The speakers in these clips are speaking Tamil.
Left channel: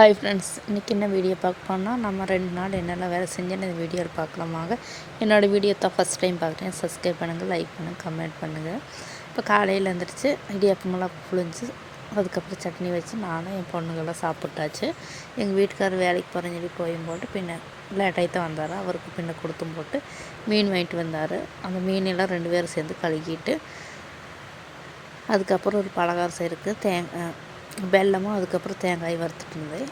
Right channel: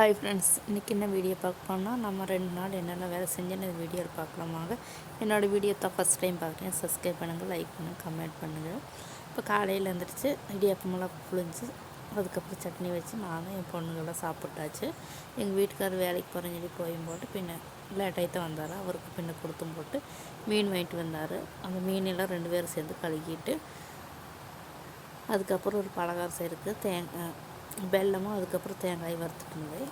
ஹாய் ஃப்ரெண்ட்ஸ், இன்றைக்கி என்ன வீடியோ பார்க்க நம்ம 2 நாள் என்னெல்லாம் வேலை செஞ்சேன்னு இந்த வீடியோவில் பார்க்கலாமாங்க. என்னோடய வீடியோ தான் ஃபஸ்ட் டைம் பார்க்குறேன், சப்ஸ்கிரைப் பண்ணுங்கள், லைக் பண்ணுங்கள், கமெண்ட் பண்ணுங்கள். இப்போ காலையில் எழுந்திரிச்சு இடியாப்பமெல்லாம் புழிஞ்சு அதுக்கப்புறம் சட்னி வச்சு நானும் என் பொண்ணுங்கள்லாம் சாப்பிட்டாச்சு. எங்கள் வீட்டுக்காரர் வேலைக்கு போகிறேன்னு சொல்லி கோயம் போட்டு பின்ன லேட்டாகி தான் வந்தார். அவருக்கு பின்ன கொடுத்தும் போட்டு மீன் வாங்கிட்டு வந்தார். அந்த மீனெல்லாம் 2 பேரும் சேர்ந்து கழுகிட்டு அதுக்கப்புறம் ஒரு பலகாரம் செய்கிறதுக்கு வெல்லமும் அதுக்கப்புறம் தேங்காய் வறுத்துட்டு இருந்தேன்.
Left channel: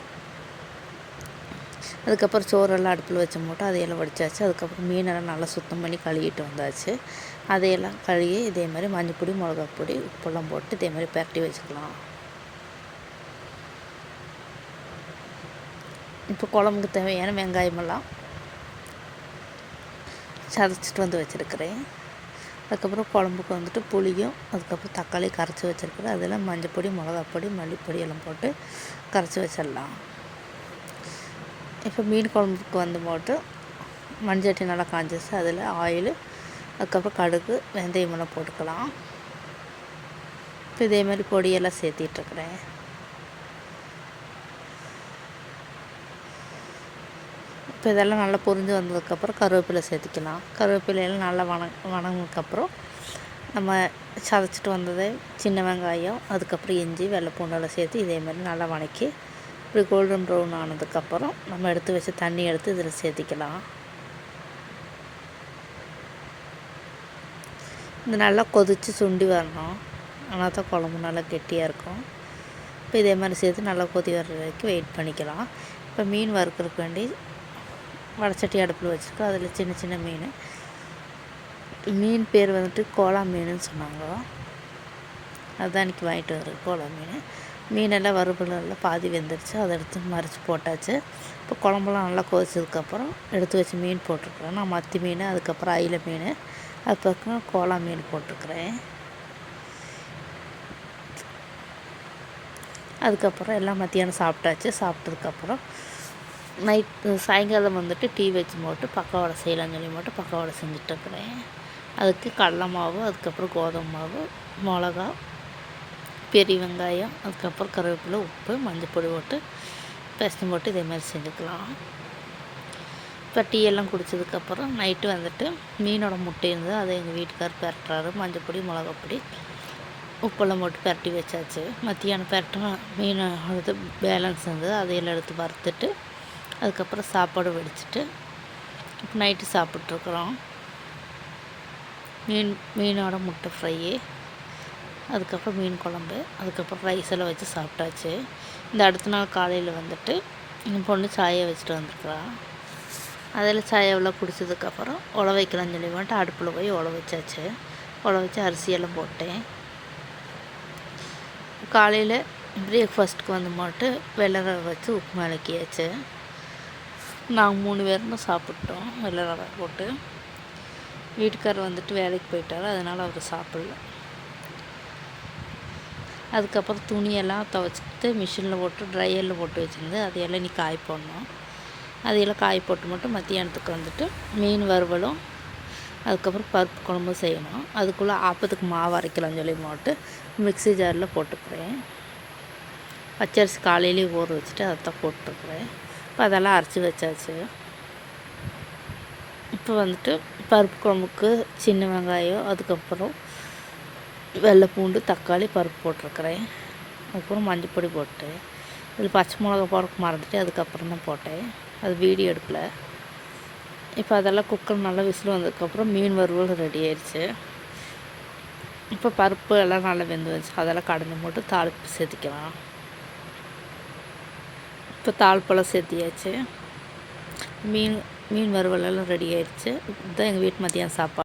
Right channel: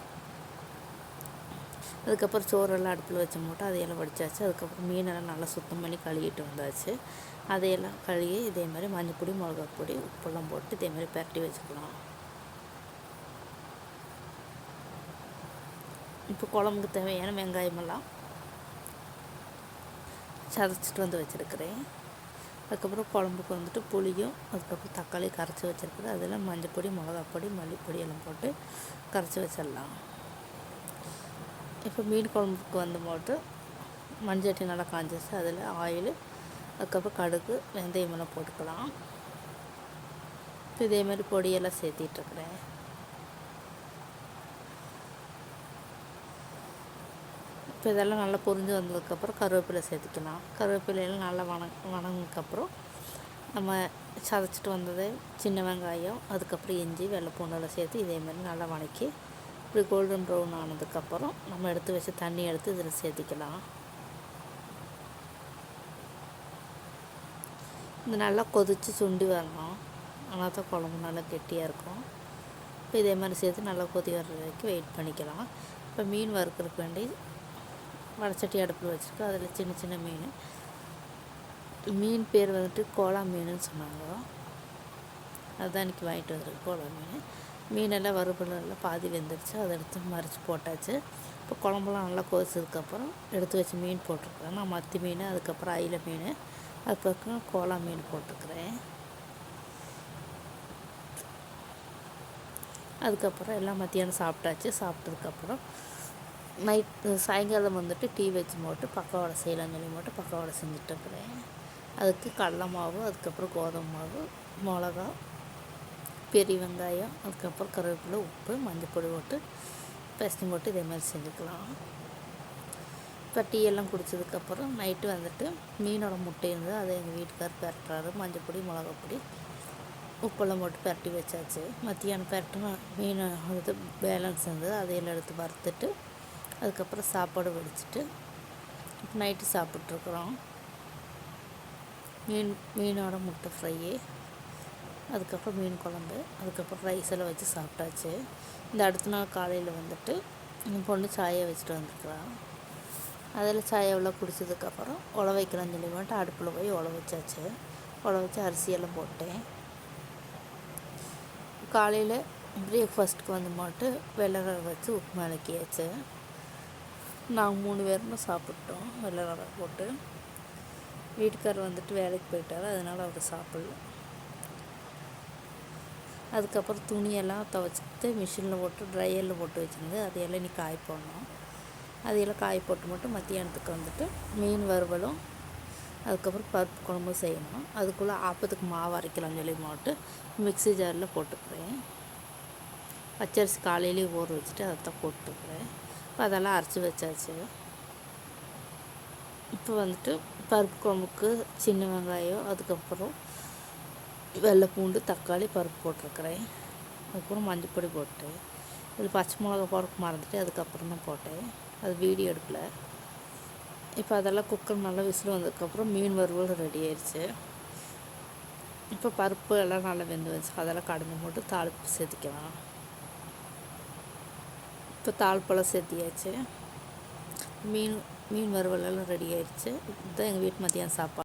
அதுக்கப்புறம் சோறெல்லாம் அடுப்பில் வச்சு போட்டு அதையெல்லாம் வடித்தாச்சு. அதுக்கப்புறம் மீனெல்லாம் நல்லா சுத்தம் பண்ணி கழுவிட்டு வந்தாச்சு. அதையெல்லாம் கழுவி இதே மாதிரி மஞ்சப்பொடி, மிளகாப்பொடி, உப்பெல்லாம் போட்டு இதே மாதிரி பரட்டி வச்சுக்கலாம். இப்போ குழம்புக்கு தேவையான வெங்காயமெல்லாம் சதைச்சிட்டு வந்து வச்சுருக்கிறேன். அதுக்கப்புறம் குழம்புக்கு வந்துட்டு புளியும் அதுக்கப்புறம் தக்காளி கரைச்சி வச்சுருக்குறேன். அதெல்லாம் மஞ்சப்பொடி, மிளகாப்பொடி, மல்லிப்பொடி எல்லாம் போட்டு கரைச்சி வச்சிடலாம். இப்போ மீன் குழம்புக்கு வந்து போட்டு மண்சட்டி நல்லா காஞ்சிச்சு. அதில் ஆயில் அதுக்கப்புறம் கடுகு, வெந்தயமெல்லாம் போட்டுக்கலாம். இப்போ இதே மாதிரி பொடியெல்லாம் சேர்த்திட்ருக்குறேன். இப்போ இதெல்லாம் நல்லா பொரிஞ்சு வந்ததுக்கப்புறம் கருவேப்பிலை சேர்த்திக்கலாம். கருவேப்பிலையெல்லாம் நல்லா வணங்கினதுக்கப்புறம் நம்ம சதைச்சிட்டு வந்தது சின்ன வெங்காயம், அதுக்கப்புறம் இஞ்சி, வெள்ளை பூண்டெல்லாம் சேர்த்து இதே மாதிரி நல்லா வணக்கி இப்படி கோல்டன் ப்ரௌன் ஆனதுக்கப்புறம் நம்ம எடுத்து வச்சு தண்ணி எடுத்து இதில் சேர்த்திக்கலாம். இது நல்லா கொதித்து சுண்டி வரணும், ஆனால் தான் குழம்பு நல்லா கெட்டியாக இருக்கும். இப்போ இதே மாதிரி சேர்த்து நல்லா கொதி வர்ற வரைக்கும் வெயிட் பண்ணிக்கலாம். இப்போ மீன் வறுக்கிறதுக்கு வேண்டி வடச்சட்டி அடுப்பில் வச்சுருக்கோம். அதில் சின்ன சின்ன மீன் பேர் வந்துட்டு கோலா மீனுன்னு சொன்னாங்க. அதுதான் இன்றைக்கி வாங்கிட்டு வர்றது கோலா மீன். மீனெல்லாம் வறுபடலாம் பாதி வெந்துருச்சு. அதை எடுத்து மறைச்சி போட்டாச்சு. இப்போ குழம்புலாம் நல்லா கொதிச்சதுக்கப்புறம் எடுத்து வச்சு மீன் போட்டிருக்குறேன். நான் மத்தி மீன், அதுக்கப்புறம் அயிலை மீன், அதுக்கப்புறம் கோலா மீன் போட்டிருக்குறேன். அதுக்கப்புறம் எல்லாம் மத்தியானம் சாப்பிட்டாச்சு. சாப்பிட்டதுக்கப்புறம் சாயங்காலம் வந்துட்டு டீ வச்சு போட்டு பக்கவடை செய்யலாம்னு சொல்லி போட்டு பக்கவடை செஞ்சிட்ருக்குறேன். அதுக்கு கடலை மாவு, அதுக்கப்புறம் கோதுமை மாவு, மிளகா, பெரிய வெங்காயம், அதுக்கப்புறம் கருவேப்பிலை, உப்பு, மஞ்சள் போட்டு பெசஞ்சு போட்டு இதே மாதிரி செஞ்சுக்கலாம். இப்போ டீ எல்லாம் குடித்ததுக்கப்புறம் நைட்டு வந்துட்டு மீனோட முட்டை இருந்தது. அதை எங்கள் வீட்டுக்காரர் பரட்டுறாரு. மஞ்சள் பொடி, மிளகாப்பொடி, உப்பெல்லாம் போட்டு பரட்டி வச்சாச்சு. மத்தியானம் பரட்டினா மீன் அது பேலன்ஸ் இருந்தது. அதையெல்லாம் எடுத்து வறுத்துட்டு அதுக்கப்புறம் சாப்பாடு வடிச்சிட்டு இப்போ நைட்டு சாப்பிட்ருக்குறோம். மீனோட முட்டை ஃப்ரை, அதுக்கப்புறம் மீன் குழம்பு, அதுக்கப்புறம் ரைஸ் எல்லாம் வச்சு சாப்பிட்டாச்சு. இந்த அடுத்த நாள் காலையில் வந்துட்டு என் பொண்ணு சாயை வச்சுட்டு வந்துருக்குறான். அதில் சாயாவெல்லாம் குடித்ததுக்கப்புறம் உழ வைக்கலாம்னு சொல்லி வந்துட்டு அடுப்பில் போய் உழ வச்சாச்சு. உழ வச்சு அரிசியெல்லாம் போட்டேன். காலையில் பிரேக்ஃபாஸ்ட்டுக்கு வந்து போட்டு வெள்ளை ரவை வச்சு உப்புமா இலக்கியாச்சு. நாங்கள் 3 பேரும் சாப்பிட்டோம் வெள்ளை ரவை போட்டு. வீட்டுக்காரர் வந்துட்டு வேலைக்கு போயிட்டார், அதனால் அவர் சாப்பிடல. அதுக்கப்புறம் துணியெல்லாம் துவைச்சிட்டு மிஷினில் போட்டு ட்ரையரில் போட்டு வச்சுருந்து அதையெல்லாம் நீ காய போடணும். அதையெல்லாம் காய போட்டு மட்டும் மத்தியானத்துக்கு வந்துட்டு மீன் வறுவலும் அதுக்கப்புறம் பருப்பு குழம்பும் செய்யணும். அதுக்குள்ளே ஆப்பத்துக்கு மாவு அரைக்கலாம்னு சொல்லி போட்டு மிக்ஸி ஜாரில் போட்டுக்கிறேன். பச்சரிசி காலையிலேயே ஊற வச்சுட்டு அதை தான் போட்டுருக்குறேன். இப்போ அதெல்லாம் அரைச்சி வச்சாச்சு. இப்போ வந்துட்டு பருப்பு குழம்புக்கு சின்ன வெங்காயம், அதுக்கப்புறம் வெள்ளை பூண்டு, தக்காளி, பருப்பு போட்டிருக்கிறேன். அதுக்கப்புறம் மஞ்சள் பொடி போட்டு இதில் பச்சை மிளகா போடுறதுக்கு மறந்துட்டு அதுக்கப்புறம் தான் போட்டேன். அது வீடியோ எடுக்கல. இப்போ அதெல்லாம் குக்கர் நல்லா விசில் வந்ததுக்கப்புறம் மீன் வறுவல் ரெடி ஆயிடுச்சு. இப்போ பருப்பு எல்லாம் நல்லா வெந்து வந்துச்சு. அதெல்லாம் கடைஞ்சி போட்டு தாளிப்பு சேர்த்திக்கலாம். இப்போ தாளிப்பெல்லாம் சேர்த்தியாச்சு. மீன் வறுவலெல்லாம் ரெடி ஆயிடுச்சு. இதுதான் எங்கள் வீட்டு மத்தியானம் சாப்பாடு.